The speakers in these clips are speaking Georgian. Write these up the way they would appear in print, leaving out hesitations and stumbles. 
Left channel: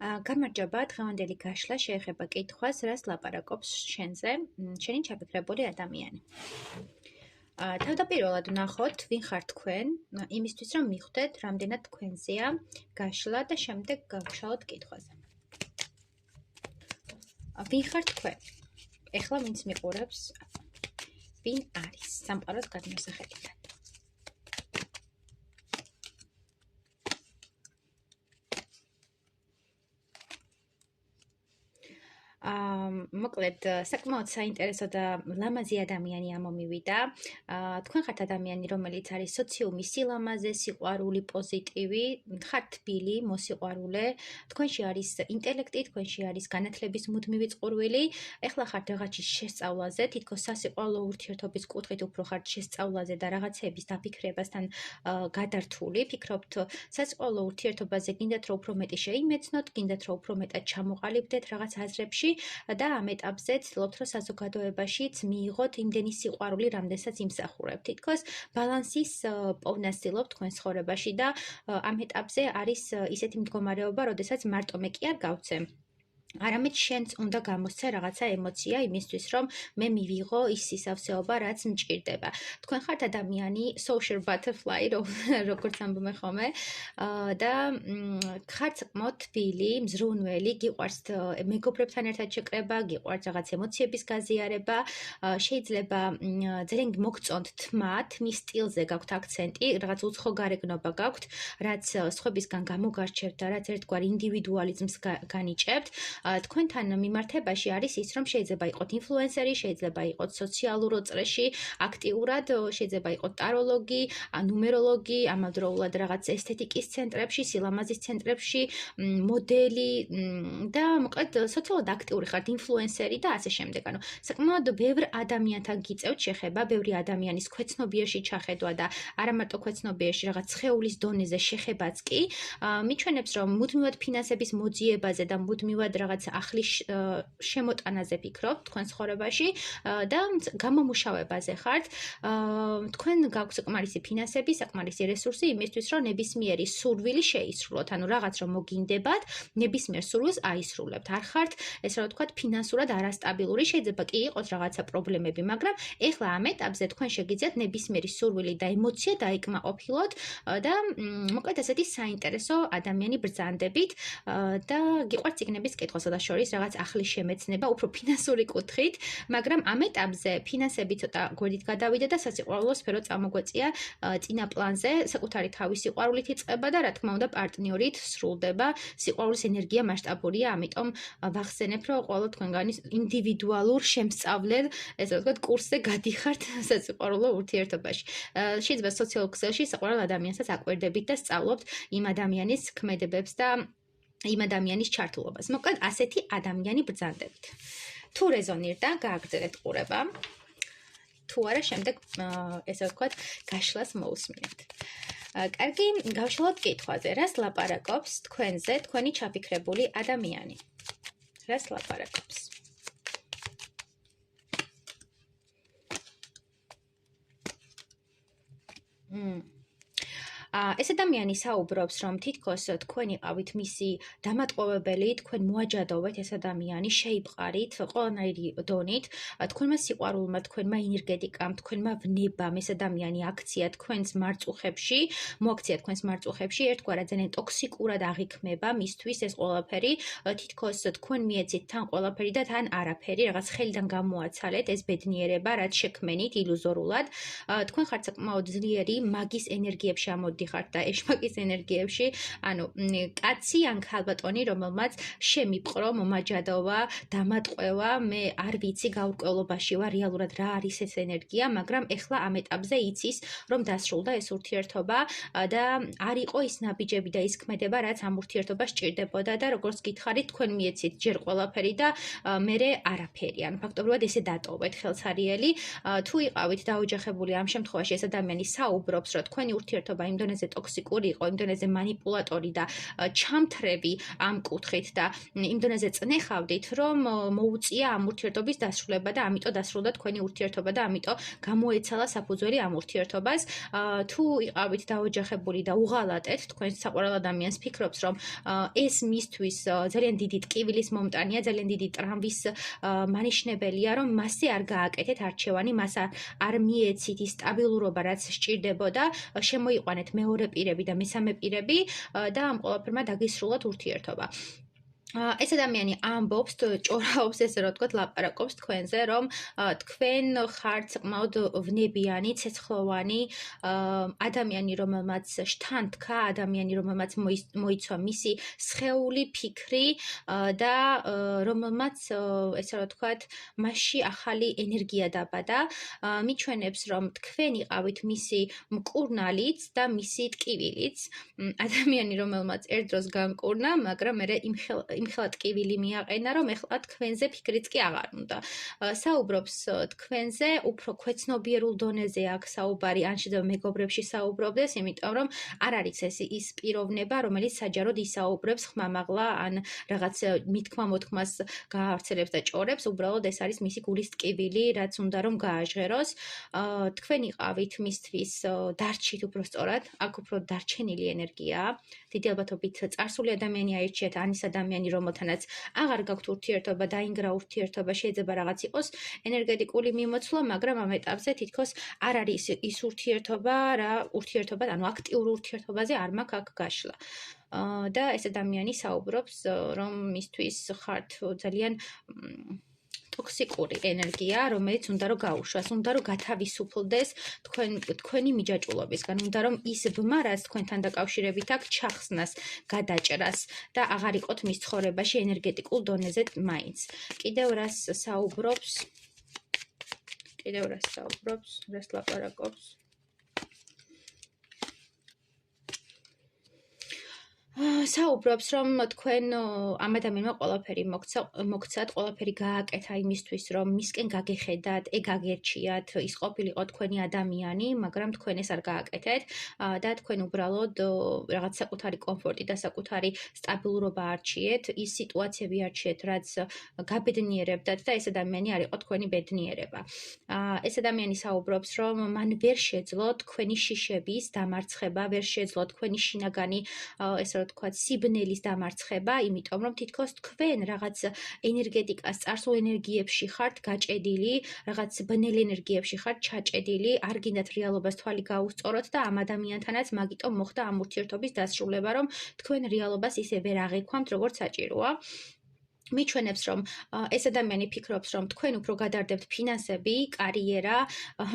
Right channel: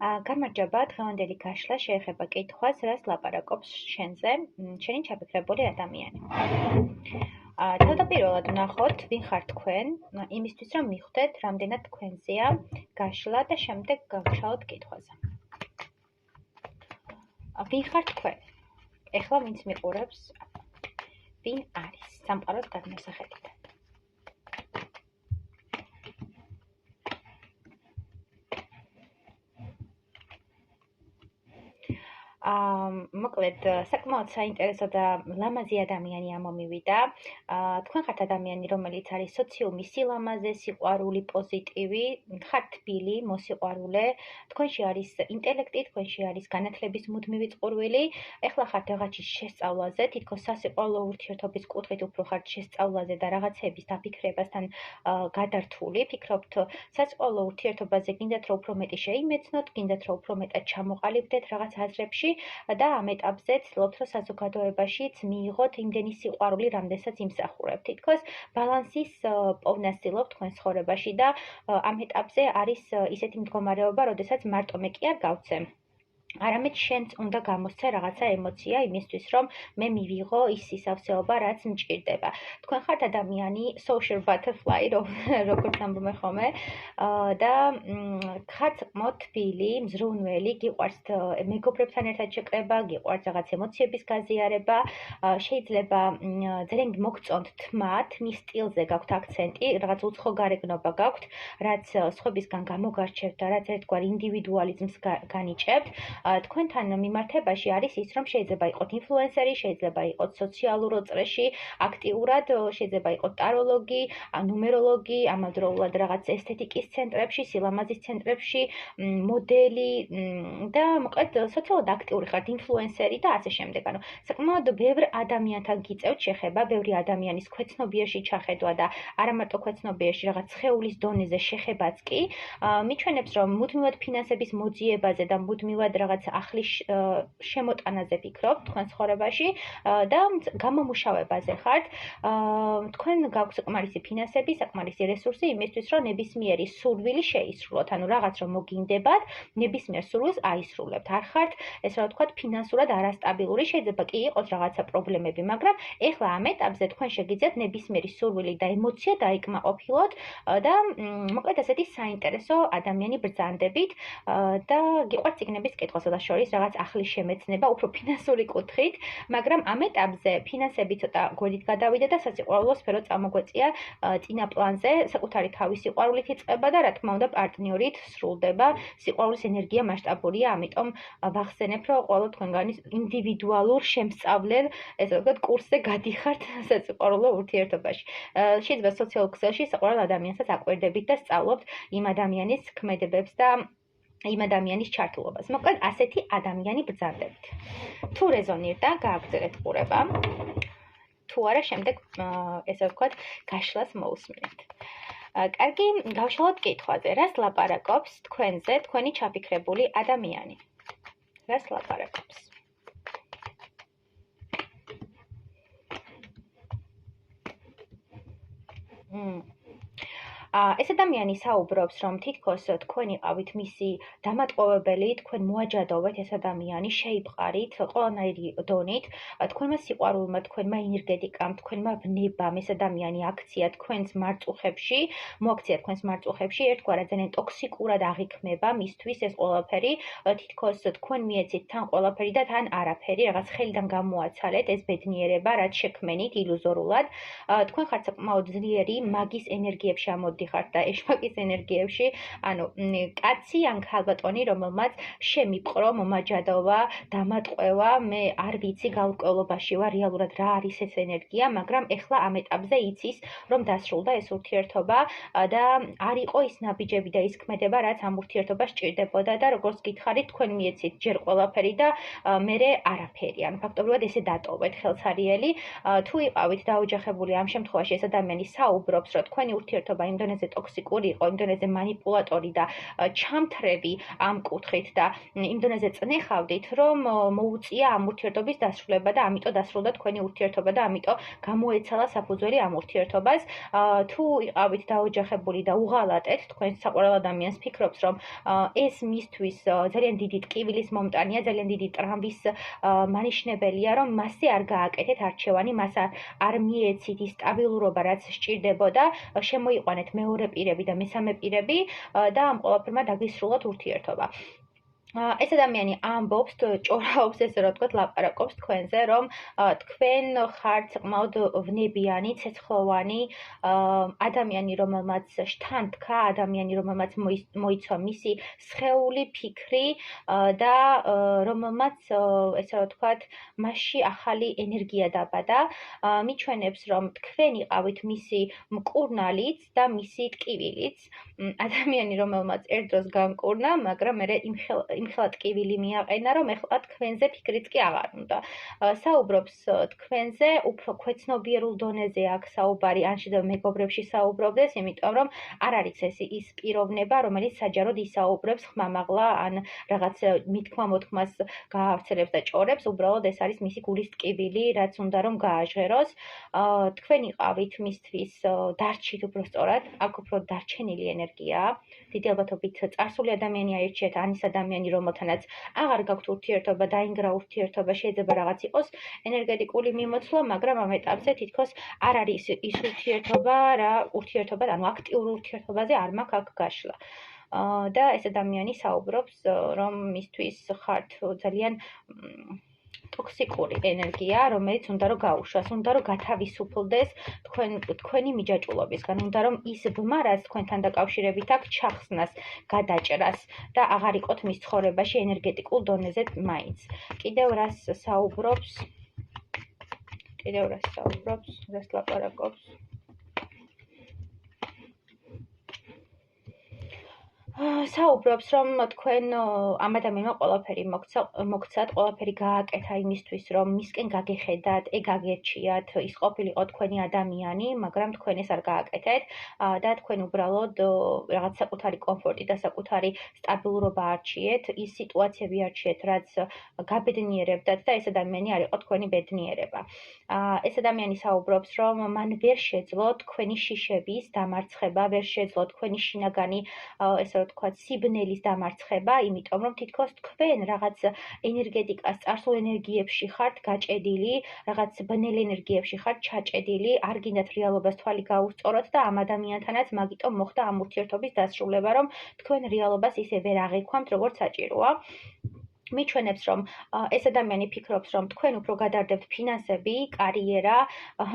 გამარჯობა, დღევანდელი გაშლა შეეხება კითხვას, რას ლაპარაკობს შენზე, შენი ჩაფიქრებული ადამიანი. თავდაპირველად ვნახოთ, ვინ ხართ თქვენ, იმისთვის რომ მიხვდეთ, რამდენად თქვენზეა გაშლა და შემდეგ გავშალოთ კითხვაზე. ვინ ხართ თქვენ? ეხლა ვინც მიყურებს, ვინ არის სამყაროს გადმოსახედიდან? მოკლედ, საკმაოდ საინტერესო და ლამაზი ადამიანი ამომივიდა. თქვენ ხართ ადამიანი, რომელიც არის სოციუმის სილამაზე, სიყვარული, პოზიტივი, ხართ თბილი, მოსიყვარულე, თქვენში არის ინტელექტი, თქვენში არის განათლების მუდმივი წყურვილი, ეხლა ხართ რაღაცის შესწავლაზე, თითქოს სასიყვარულო ურთიერთობის კუთხით უფრო ხართ შესწავლაზე და რაღაცების დაფიქრებასთან გადართული, ფიქრობთ სასიყვარულო ურთიერთობაზე, გინდათ რომ უფრო მეტი შეიმეცნოთ, გინდათ რომ უფრო მეტად ჩამოყალიბდეთ რაღაც აზრებში და ამ ეტაპზე ცდილობთ, რომ საზოგადოებაშიც მიიღოთ იმდენი სიყვარული, რამდენსაც იმსახურებთ. თითქოს ბალანსის პოვნა ცდილობთ თქვენ ცხოვრებაში და ამ ეტაპზე არის ისეთი მდგომარეობა, როდესაც მარტო მე კი არ გავცე. არამედ შენც უნდა გამოსცე რაღაცა ემოცია იმისთვის, რომ მე მივიღო ის სისავსეობა, რაც მჭირდება. თქვენ ხართ ადამიანი social butterfly, როგორც ამბობენ ხოლმე, და ხართ საკმაოდ თბილი, მზრუნველი, გიყვართ მეგობრებთან ერთად შეკრება, გიყვართ რაღაც ემოციების გაზიარება, შეიძლება ძალიან მოგწონთ თმა, თმის სტილზე გაქვთ აქცენტი, რაღაც უცხო გარეგნობა გაქვთ, რაც სხვებისგან გამოგარჩევთ და რაც ერთგვარ ინდივიდუალიზმს განიჭებთ. თქვენთან მიმართებაში არის ის, რომ შეიძლება იყოთ ინფლუენსერი, შეიძლება იყოთ სოციალურ წრეში აქტიურად, შეიძლება იყოთ ტაროლოგი, ნუმეროლოგი, ამავდროულად რაღაც ესთეტიკის ცენტრებში, სილამაზის ცენტრებში, მოდელი და მოკლედ სოციალურად აქტიური ხართ, ინფლუენსერი და ასე შემდეგ. ანუ საკმაოდ ბევრ ადამიანთან გიწევთ შეხება, ბევრი ადამიანის ქვეცნობიერში ჩახედვა და არა მარტო ქვეცნობიერში, რაღაც სხეულის დონეზე შეხებაც კი მიჩვენებს, რომ მუდმივად ფინანსების მოძიებაზე და მუდმივად რაღაც ახლის შემოტანაზე ფიქრობთ თქვენ ცხოვრებაში და გამომუშავებაზე ხართ. თქვენ გაქვთ საკმარისი ფინანსები, საკმარისი რესურსი იმისთვის, რომ ნებისმიერი სურვილი შეისრულოთ. ანუ რაღაც რომ მოგინდებათ, ნებისმიერ სურვილს აისრულებთ. არ ხართ, ესე რა ვთქვათ, ფინანსურად არასტაბილური, შეიძლება კი იყოს რაღაცა პრობლემები, მაგრამ ეხლა ამ ეტაპზე თქვენ შეგიძლიათ ნებისმიერი სურვილი და ემოცია დაიკმაყოფილოთ და მოკლედ ასეთი საინტერესო ადამიანი ბრძანდებით და გიყვართ წიგნების კითხვა შორის რაღაც ახლის შემეცნება, უფრო ფინანსური კუთხით, მაგრამ ამ ეტაპზე ფინანსები ცოტა გვერდით გადავიდა და სასიყვარულო სფერო წამოგვეწია წინა პლანზე, საკუთარი თავის სიყვარულით იწყება და რა თქმა უნდა პარტნიორით სრულდება. სიყვარულის ენერგია მასშტაბურია, ამიტომ ვახსენებ, რომ ყველა თქვენგანი ინდივიდუალურ შემსწავლელ, ესე ვთქვათ, კურსზე გადიხართ სასიყვარულო ურთიერთობაში. შეიძლება სოციალურ ქსელში საყვარელ ადამიანსაც აკვირდებით და სწავლობთ იმ ადამიანის ქმედებებს და იმ ადამიანის ჩართულობას. მოკლედ, ასეთი ადამიანი ბრძანდებით. თუ რეზონირდა, გააგრძელეთ ყურება. თუ არა, შემდეგ, ესე ვთქვათ, გაშლას მოусმინეთ. კარგი, გავშალოთ კითხვაზე. რას ლაპარაკობს თქვენზე თქვენი ჩაფიქრებული ადამიანი? რას ლაპარაკობს? ეს ადამიანი საუბრობს, რომ თითქოს თქვენ იყავით მისი დამატყოვებელი, თქვენ მოაჯადოვეთ ეს ადამიანი, შეიპყარით ყველანაირი დონით, თქვენმა სიყვარულმა, თქვენმა ენერგეტიკამ, თქვენმა ვნებამ ეს ადამიანი აქცია თქვენს მარწუხებში, მოაქცია თქვენს მარწუხებში, ერთგვარად ძალიან ტოქსიკურად აღიქმება მისთვის ეს ყველაფერი, თითქოს თქვენ მიეცით თან ყველაფერი და თან არაფერი, რაღაც ხელიდან გამოაცალეთ ეს ბედნიერება, რაც შექმენით ილუზორულად. თქვენ ხართ საკმაოდ ძლიერი მაგის ენერგიებში ამოდი ხართ და ეშმაკის ენერგიებში, ანუ კაცი ან ქალბატონი, რომელმაც შემიპყრო, მომაჯადოვა, დამატყვევა, მე არ ვიცი გაურკვევლობაში ვარ რეალურად რა არის ეს ენერგია, მაგრამ ეხლა ამ ეტაპზე იცის, რომ დასრულდა ეს ურთიერთობა და არ იყო ის ნაბიჯები და ის ქმედება, რაც ამ ურთიერთობას სჭირდებოდა და როგორც გითხარით, თქვენ მიეცით ჯერ ყველაფერი და მერე არაფერი. ანუ ფაქტობრივად ესე დატოვეთ ხელსარიელი. თუ იყავით დაოჯახებული, ამ შემთხვევაში ეს ადამიანი საუბრობს, რომ თქვენი ურთიერთობა იმ დონეზე დონეზე ტოქსიკური იყო, იმ დონეზე манипуляტორი და ჩამთრები ამ კუთხით და იმ დონეზე წნეხავდით, რომ მოუწია ამ ურთიერთობის დასრულება და ამიტომ დასრულდა თქვენი ურთიერთობა და ამიტომ გამოეცალა საფუძველი ამ ურთიერთობას. თუ იყავით დაოჯახებული და უღალატეთ, თქვენ საყვარელ ადამიანს ფიქრობს, რომ ეს მისთვის ძალიან დიდი ტკივილის მომტანია, ძალიან დიდი ტრამვის მანიშნებელია, რომ მასზე არ გააკეთეთ არჩევანი, მას არ მიეცით ის სტაბილურობა, რაც სჭირდებოდა, შემოიყვანეთ მეორე პირები და მესამე პირები და ამ ყველაფერმა დაგისრულოთ ურთიერთობა. ეს ადამიანი ამბობს, ჭორაობს, ესე რომ ვთქვათ, ლაპარაკობს თქვენზე, რომ თქვენ ხართ საკმაოდ ვნებიანი, ცეცხლოვანი ადამიანი, რომელმაც შთან თქვა, ადამიანი, რომელმაც მოიცვა მისი სხეული, ფიქრი და რომელმაც, ესე რომ ვთქვათ, მასში ახალი ენერგია დაბადა. მიჩვენებს, რომ თქვენ იყავით მისი მკურნალიც და მისი ტკივილიც. ადამიანი, რომელმაც ერთ დროს გამკურნა, მაგრამ მერე იმხელა ტკივილი მიაყენა, რომ ეხლა თქვენზე ფიქრიც კი აღარ უნდა. საუბრობს თქვენზე, უფრო ქვეცნობიერულ დონეზე აქვს საუბარი, ან შეიძლება მეგობრებში საუბრობდეს, იმიტომ რომ არ არის ეს ის პიროვნება, რომელიც საჯაროდ ისაუბრებს ხმამაღლა, ან რაღაც მithქმა-მოთქმას გაავრცელებს და ჭორებს, უბრალოდ ეს არის მისი გულის ტკივილი, რაც უნდა რომ გააჟღეროს. თქვენ იყავით მისთვის დარჩით უბრალოდ, აქ უფრო დარჩენილი ენერგიაა. დიდი ალბათობით წარსული ადამიანი აირჩიეთ, ან ის ადამიანი, რომელთანაც აღარ გაქვთ ურთიერთობა, დაინგრა ურთიერთობა, შეიძლება რაღაც იყოს ენერგეტიკული მიმოცვლა, მაგრამ ამ ეტაპზე თითქოს არ არის ის ურთიერთობა, რა ურთიერთობა, ანუ აქტიურ ურთიერთობაზე არ მაქვს აქ გაშლა. და ეს ადამიანი საუბრობს, რომ მისთვის ხართ ძალიან ტოქსიკური ენერგია, რომელიც უნდა რომ გაუშვას, უნდა რომ გათავისუფლდეს თქვენი მიჯაჭვულობისგან, უნდა რომ ის ბმა, რაც თქვენთან დაკავშირებით აქვს, ჩახსნას, გადაჭრას და აღარ იყოთ მის ცხოვრებაში ენერგეტიკულ დონეზე მაინც. კიდევ რას საუბრობს, რას ლაპარაკობს? საუბრობს, რომ თქვენ ამ ადამიანმა ყველაფერი მოგცათ, ყველაფერი გააკეთა იმისთვის, რომ მისკენ გაგეხედათ, გაგერჩიათ, ის ყოფილიყო თქვენი ადამიანი, მაგრამ თქვენ ეს არ გააკეთეთ და თქვენ უბრალოდ რაღაც საკუთარი კომფორტი და საკუთარი სტაბილურობა არჩიეთ, ის სიტუაციები არჩიეთ, რაც გაბედნიერებდათ და ეს ადამიანი არ იყო თქვენი ბედნიერება. ეს ადამიანი საუბრობს, რომ მან ვერ შეძლო თქვენი შიშების დამარცხება, ვერ შეძლო თქვენი შინაგანი ესე ვთქვათ, სიბნელის დამარცხება, იმიტომ რომ თითქოს თქვენ რაღაც ენერგეტიკას, წარსულ ენერგიებში ხართ გაჭედილი, რაღაც ბნელ ენერგიებში ხართ ჩაჭედილი, არ გინდათ რეალობას თვალი გაუსწოროთ და ამ ადამიანთანაც მაგიტომ მოხდა ამ ურთიერთობის დასრულება, რომ თქვენ რეალობას ისე ვერ აღიქვამთ, როგორც საჭიროა. მიჩვენებს, რომ ეს ადამიანი ფიქრობს, რომ თქვენ უფრო გადარდებთ ფინანსები, კარიერა,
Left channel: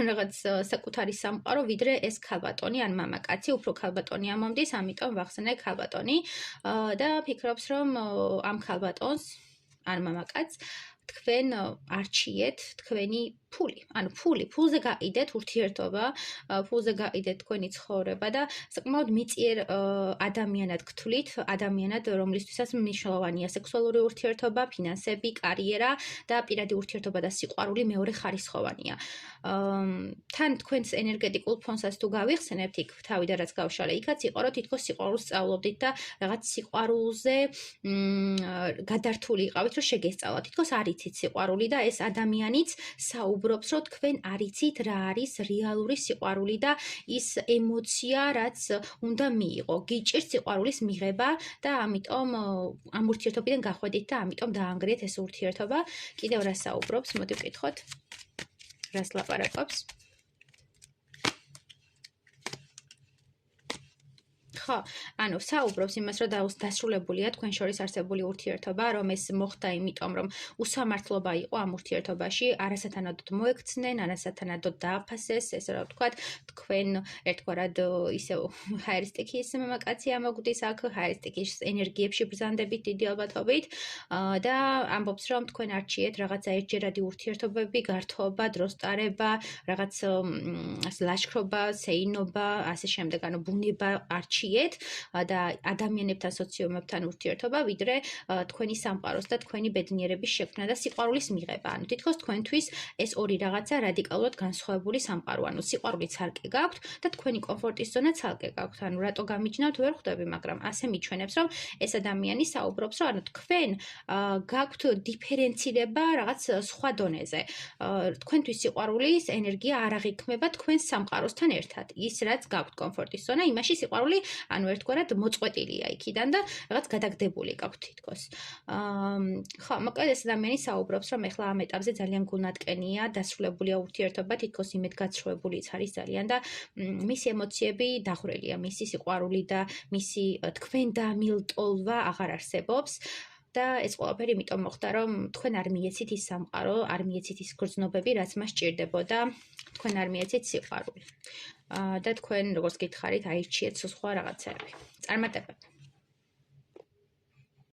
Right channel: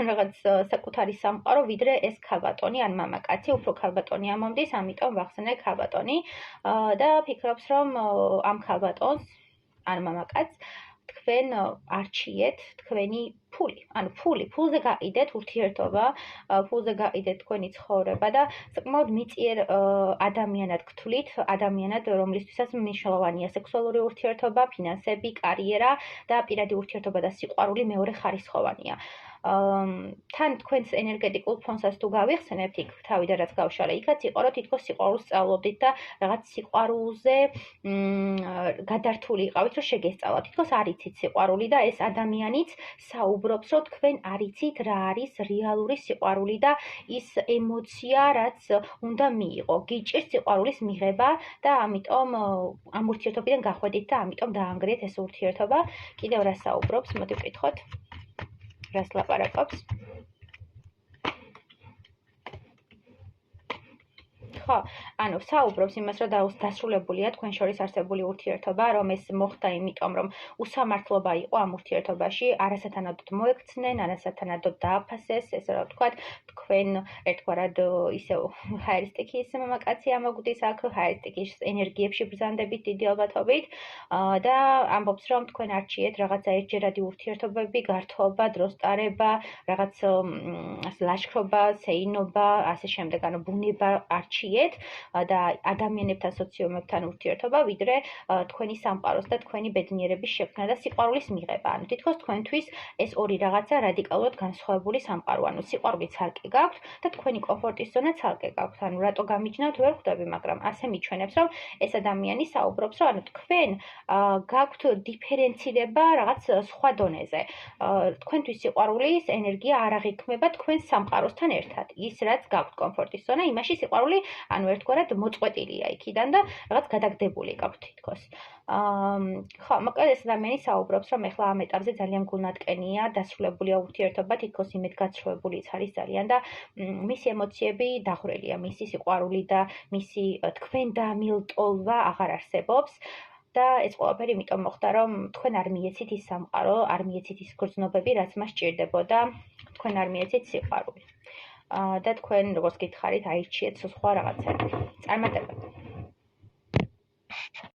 რაღაც საკუთარი სამყარო, ვიდრე ეს ქალბატონი ან მამაკაცი, უფრო ქალბატონი ამომდის, ამიტომ ვახსენე ქალბატონი და ფიქრობს, რომ ამ ქალბატონს ან მამაკაცს თქვენ არჩიეთ თქვენი ფული, ანუ ფულზე გაყიდეთ ურთიერთობა, ფულზე გაყიდეთ თქვენი ცხოვრება და საკმაოდ მიწიერ ადამიანად გთვლით, ადამიანად, რომლისთვისაც მნიშვნელოვანია სექსუალური ურთიერთობა, ფინანსები, კარიერა და პირადი ურთიერთობა და სიყვარული მეორე ხარისხოვანია. თან თქვენს ენერგეტიკულ ფონსაც თუ გავიხსენებთ, იქ თავიდან რაც გავშალე, იქაც იყო, რომ თითქოს სიყვარულს სწავლობდით და რაღაც სიყვარულზე გადართული იყავით, რომ შეგესწავლათ. თითქოს არ იცით სიყვარული და ეს ადამიანიც საუბრობს, რომ თქვენ არ იცით რა არის რეალური სიყვარული და ის ემოცია, რაც უნდა მიიღო. გიჭირთ სიყვარულის მიღება და ამიტომ ამ ურთიერთობიდან გახვედით და ამიტომ დაანგრიეთ ეს ურთიერთობა. კიდევ რა საუბრობს, მოდი ვკითხოთ. რას ლაპარაკობს? ხო, ანუ საუბრობს იმას, რომ დასრულებულია თქვენ შორის არსებული ურთიერთობა, რომ ეს მოხდა იმიტომ, რომ უსამართლობა იყო ამ ურთიერთობაში, არასათანადოდ მოექცნენ, არასათანადოდ დააფასეს, ესე რომ ვთქვათ, თქვენ ერთგვარად ისევ ჰაერისტიკის მამაკაცი ამოგვდის აქ, ჰაერისტიკის ენერგიებში ბრძანდებით დიდი ალბათობით და ამბობს, რომ თქვენ არჩიეთ რაღაცა ერთჯერადი ურთიერთობები, გართობა, დროს ტარება, რაღაც ლაშქრობა, სეინობა, ასე შემდეგ, ანუ ბუნება არჩიეთ გიჩვენებიეთ და ადამიანებთან, სოციუმებთან ურთიერთობა, ვიდრე თქვენი სამყაროს და თქვენი ბედნიერების შექმნა და სიყვარულის მიღება. ანუ თითქოს თქვენთვის ეს ორი რაღაცა რადიკალურად განსხვავებული სამყარო. ანუ სიყვარული ცალკე გაქვთ და თქვენი კომფორტის ზონა ცალკე გაქვთ. ანუ რატო გამიჯნავთ, ვერ ხვდები, მაგრამ ასე მიჩვენებს, რომ ეს ადამიანი საუბრობს, რომ ანუ თქვენ გაქვთ დიფერენცირება რაღაც სხვა დონეზე. თქვენთვის სიყვარულის ენერგია არ აღიქმება თქვენ სამყაროსთან ერთად. ის რაც გაქვთ კომფორტის ზონა, იმაში სიყვარული ანუ ერთგვარად მოწყვეტილია იქიდან და რაღაც გადაგდებული გაქვთ თითქოს. ხო, მოკლედ ეს ადამიანი საუბრობს, რომ ეხლა ამ ეტაპზე ძალიან გულნატკენია, დასრულებულია ურთიერთობა, თითქოს იმედგაცრუებულიც არის ძალიან და მისი ემოციები დაღვრელია, მისი სიყვარული და მისი თქვენ დამილტოლვა აღარ არსებობს. და ეს ყველაფერი იმიტომ მოხდა, რომ თქვენ არ მიეცით ის სამყარო, არ მიეცით ის გრძნობები, რაც მას სჭირდებოდა, თქვენ არ მიეცით სიყვარული. და თქვენ როგორც გითხარით, აირჩიეთ სხვა რაღაცები. წარმატებები.